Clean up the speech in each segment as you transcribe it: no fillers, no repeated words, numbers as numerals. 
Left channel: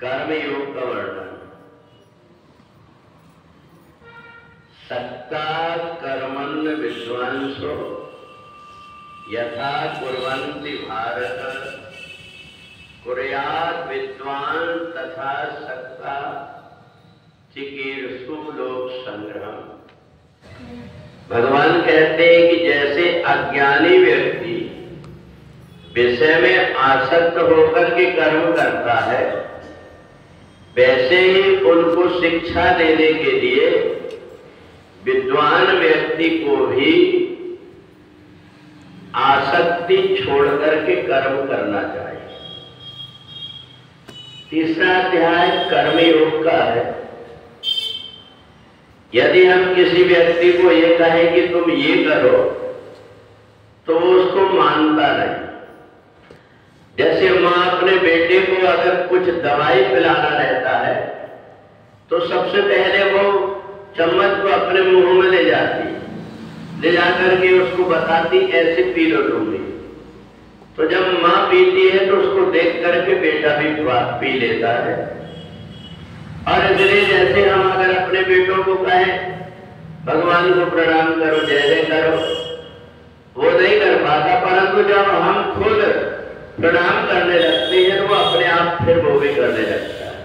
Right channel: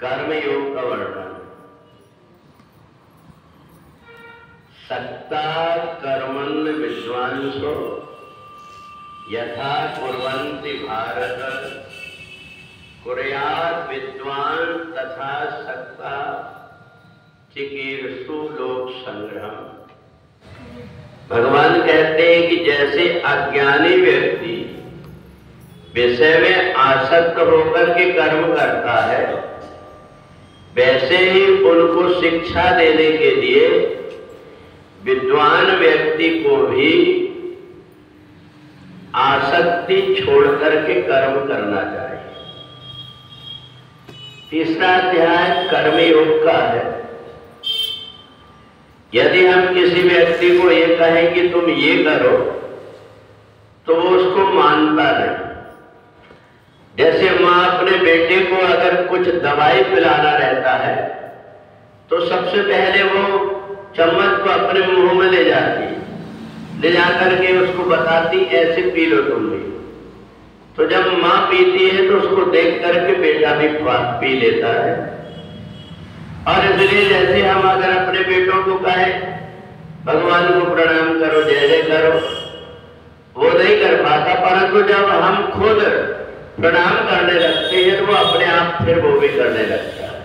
कर्मयोग का वर्णन। सक्ता कर्मण्य विद्वांसो यथा कुर्वन्ति भारत कुर्यात् विद्वान तथा सक्ता चिकीर्षु लोक संग्रह। भगवान कहते हैं कि जैसे अज्ञानी व्यक्ति विषय में आसक्त होकर के कर्म करता है, वैसे ही उनको शिक्षा देने के लिए विद्वान व्यक्ति को भी आसक्ति छोड़ करके कर्म करना चाहिए। तीसरा अध्याय कर्मयोग का है। यदि हम किसी व्यक्ति को ये कहें कि तुम ये करो, तो वो उसको मानता नहीं। जैसे माँ अपने बेटे को अगर कुछ दवाई पिलाना रहता है तो सबसे पहले वो चम्मच को अपने मुंह में ले जाती, ले जाकर के उसको बताती ऐसे पी लो तुम भी। तो जब माँ पीती है तो उसको देख करके बेटा भी पी लेता है। और इसलिए जैसे हम अगर अपने बेटों को कहें भगवान को प्रणाम करो, जय जय करो, वो नहीं कर पाता, परंतु जब हम खुद प्रणाम करने लगते हैं तो वो अपने आप फिर वो भी करने लगता है।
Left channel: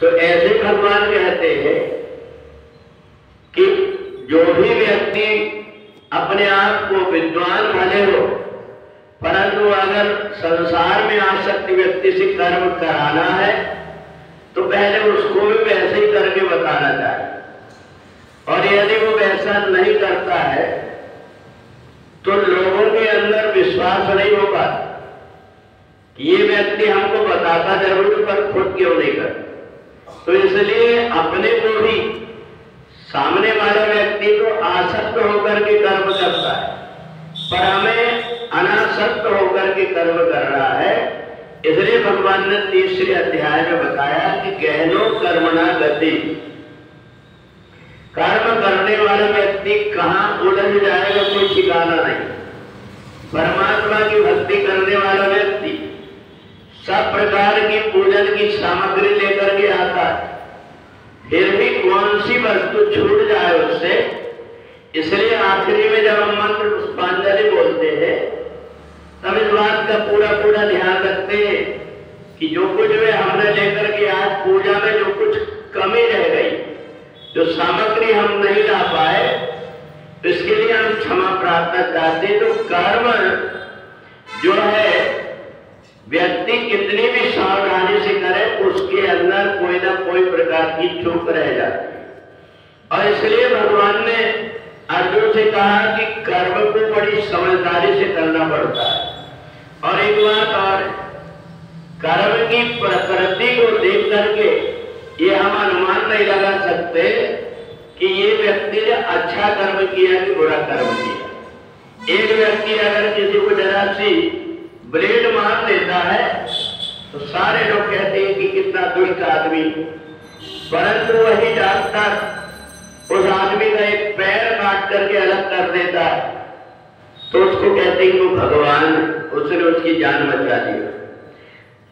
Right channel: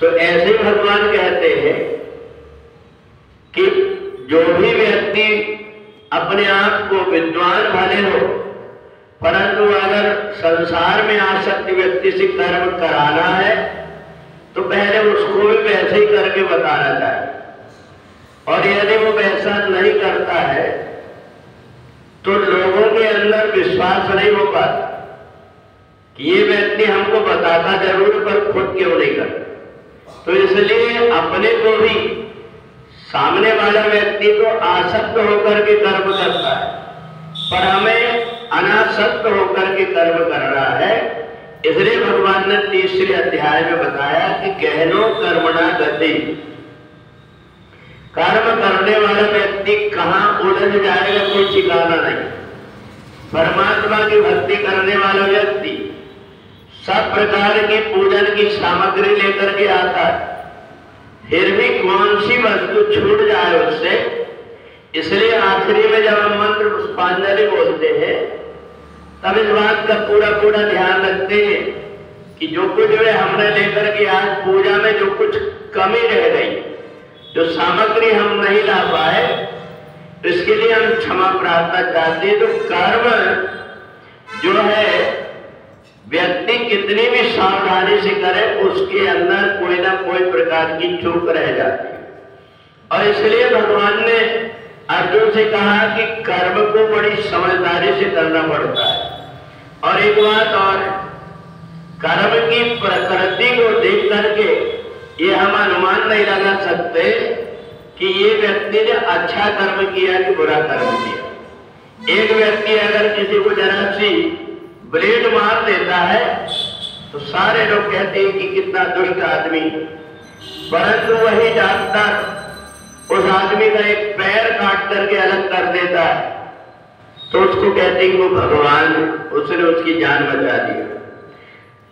तो ऐसे भगवान कहते हैं कि जो भी व्यक्ति अपने आप को विद्वान भले हो, परंतु अगर संसार में आसक्त व्यक्ति से कर्म कराना है तो पहले उसको भी वैसे ही करके बताना चाहिए। और यदि वो वैसा नहीं करता है तो लोगों के अंदर विश्वास नहीं हो पाता कि ये व्यक्ति हमको बताता जरूर पर खुद क्यों नहीं करता। तो इसलिए अपने को भी सामने वाला व्यक्ति तो आसक्त होकर के कर्म करता है, पर हमें अनासक्त होकर के कर्म करना है। इसलिए भगवान ने तीसरे अध्याय में बताया कि गहनो कर्मणा गति। कर्म करने वाला व्यक्ति कहां उलझ जाएगा कोई ठिकाना नहीं। परमात्मा की भक्ति करने वाला व्यक्ति सब प्रकार की पूजन की सामग्री लेकर के आता, फिर भी कौन सी वस्तु छूट जाए उससे। इसलिए आखिरी में जब हम मंत्र पुष्पांजलि बोलते हैं तब इस बात का पूरा ध्यान रखते हैं कि जो कुछ वे हमने लेकर के आज पूजा में जो कुछ कमी रह गई, जो सामग्री हम नहीं ला पाए, इसके लिए हम क्षमा प्रार्थना चाहते हैं। तो कर्म जो है व्यक्ति कितनी भी सावधानी से करे, उसके अंदर कोई ना कोई प्रकार की चूक रह जाती है। और इसलिए भगवान ने अर्जुन से कहा कि कर्म को बड़ी समझदारी से करना पड़ता है। और एक बात और है, कर्म की प्रकृति को देख करके ये हम अनुमान नहीं लगा सकते कि ये व्यक्ति ने अच्छा कर्म किया कि बुरा कर्म किया। एक व्यक्ति अगर किसी को जरा सी ब्लेड मार देता है तो सारे लोग कहते हैं कि कितना दुष्ट आदमी, परंतु वही डॉक्टर उस आदमी का एक पैर काट करके अलग कर देता है तो उसको कहते हैं वो भगवान, उसने उसकी जान बचा दी।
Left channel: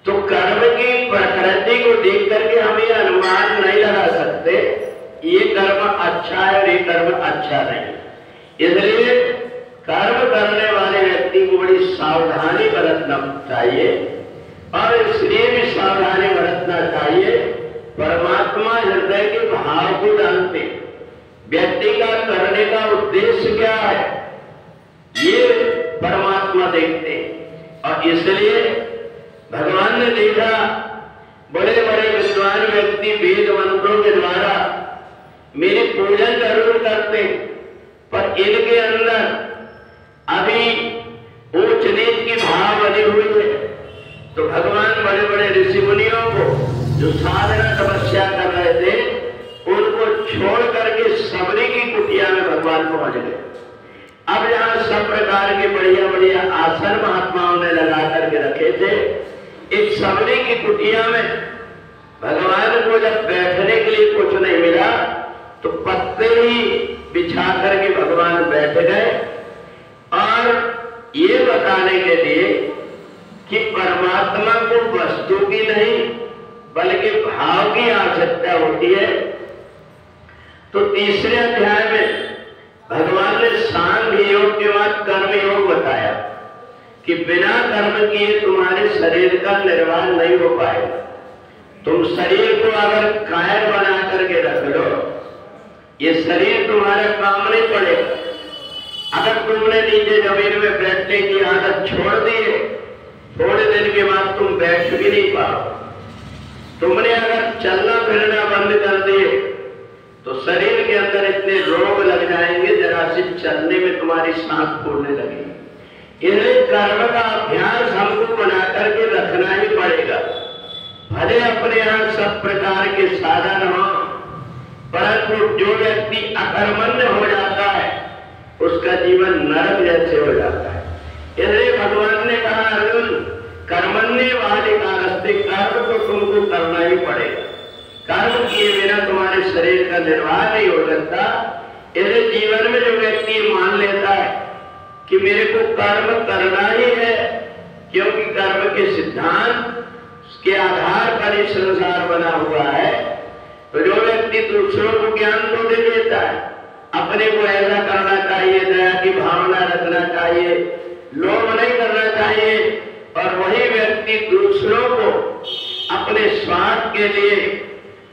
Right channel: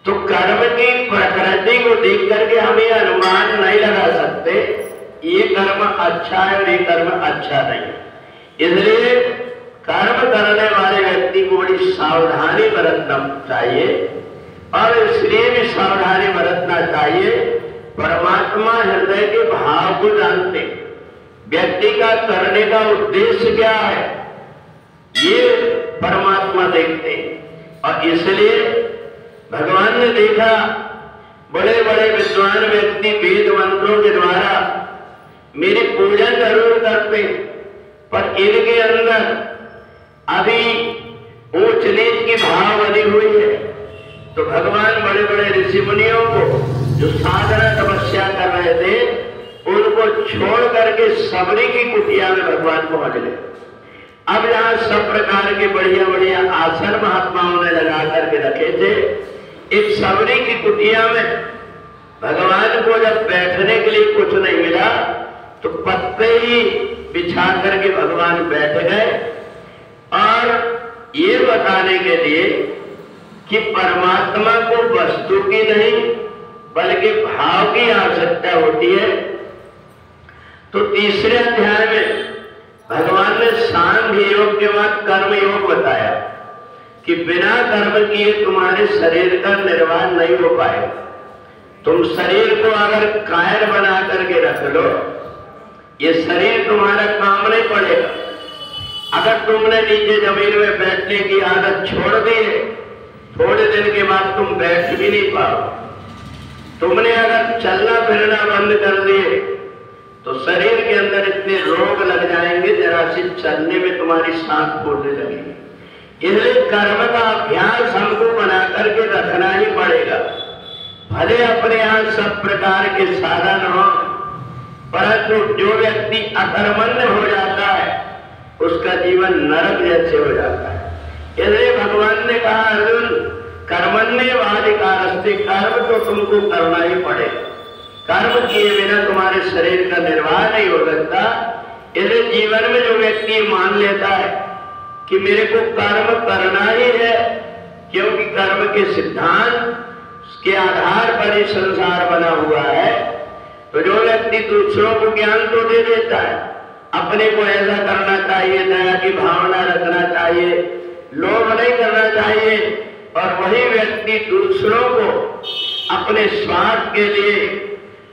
तो कर्म की प्रकृति को देख करके हम ये अनुमान नहीं लगा सकते ये कर्म अच्छा है और ये कर्म अच्छा नहीं। इसलिए कर्म करने वाले व्यक्ति को बड़ी सावधानी बरतना चाहिए और इसलिए भी सावधानी बरतना चाहिए। परमात्मा हृदय के भाव को जानते, व्यक्ति का करने का उद्देश्य क्या है ये परमात्मा देखते। और इसलिए भगवान ने देखा बड़े बड़े विद्वान व्यक्ति वेद मंत्रों के द्वारा मेरी पूजन जरूर करते, पर इनके अंदर अभी ऊंच नीच की भाव बनी हुई है। तो भगवान बड़े बड़े ऋषि मुनियों को जो साधना तपस्या कर रहे थे उनको छोड़ करके सबरी की कुटिया में भगवान पहुंच गए। अब जहां सब प्रकार के बढ़िया बढ़िया आसन महात्माओं ने लगा करके रखे थे, एक सबरी की कुटिया में भगवान को जब बैठने के लिए कुछ नहीं मिला तो पत्ते ही बिछा करके भगवान बैठ गए और ये बताने के लिए कि परमात्मा को की नहीं बल्कि भाव की आवश्यकता होती है। तो तीसरे अध्याय में भगवान ने सांख्य योग के बाद कर्म योग बताया कि बिना कर्म किए तुम्हारे शरीर का निर्वाह नहीं हो पाएगा। तुम शरीर को अगर कायर बना करके रख लो, ये शरीर तुम्हारा काम नहीं पड़ेगा। अगर तुमने नीचे जमीन में बैठने की आदत छोड़ दी है, थोड़े दिन के बाद तुम बैठ भी नहीं पाओ। तुमने अगर चलना फिरना बंद कर दिए तो शरीर के अंदर इतने रोग लग जाएंगे, जरा से चलने में तुम्हारी सांस फूलने लगेगी। इसलिए कर्म का अभ्यास हमको बना करके रखना ही पड़ेगा। भले अपने यहां सब प्रकार के साधन हो, परंतु जो व्यक्ति अकर्मण्य हो जाता है उसका जीवन नरक जैसे हो जाता है। इसलिए भगवान ने कहा, अर्जुन कर्मण्येवाधिकारस्ते, कर्म तो तुमको करना ही पड़ेगा। कर्म किए बिना तुम्हारे शरीर का निर्वाह नहीं हो सकता। इसलिए जीवन में जो व्यक्ति मान लेता है कि मेरे को कर्म करना ही है, क्योंकि कर्म के सिद्धांत के आधार पर ही संसार बना हुआ है, तो जो व्यक्ति दूसरों को ज्ञान तो दे देता है, अपने को ऐसा करना चाहिए, दया की भावना रखना चाहिए, लोभ नहीं करना चाहिए, और वही व्यक्ति दूसरों को अपने स्वार्थ के लिए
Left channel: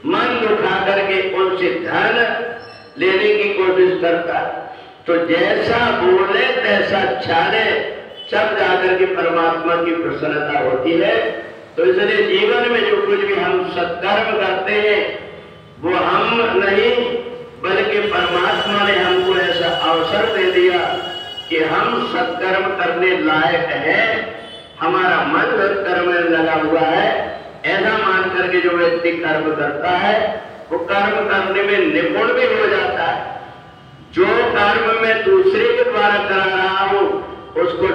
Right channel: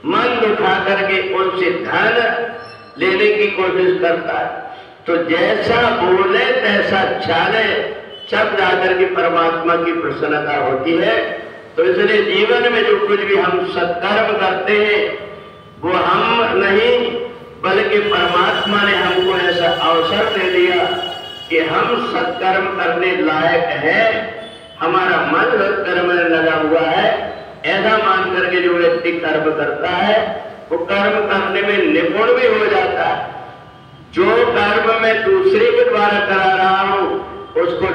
मन दुखा करके उनसे धन लेने की कोशिश करता है। तो जैसा बोले तैसा चाले, जब जाकर के परमात्मा की प्रसन्नता होती है। तो इसलिए जीवन में जो कुछ भी हम सत्कर्म करते हैं वो हम नहीं बल्कि परमात्मा ने हमको ऐसा अवसर दे दिया कि हम सत्कर्म करने लायक है, हमारा मन सत्कर्म में लगा हुआ है। ऐसा मान करके जो व्यक्ति कर्म करता है वो कर्म करने में निपुण भी हो जाता है। जो कर्म मैं दूसरे के द्वारा करा रहा हूं उसको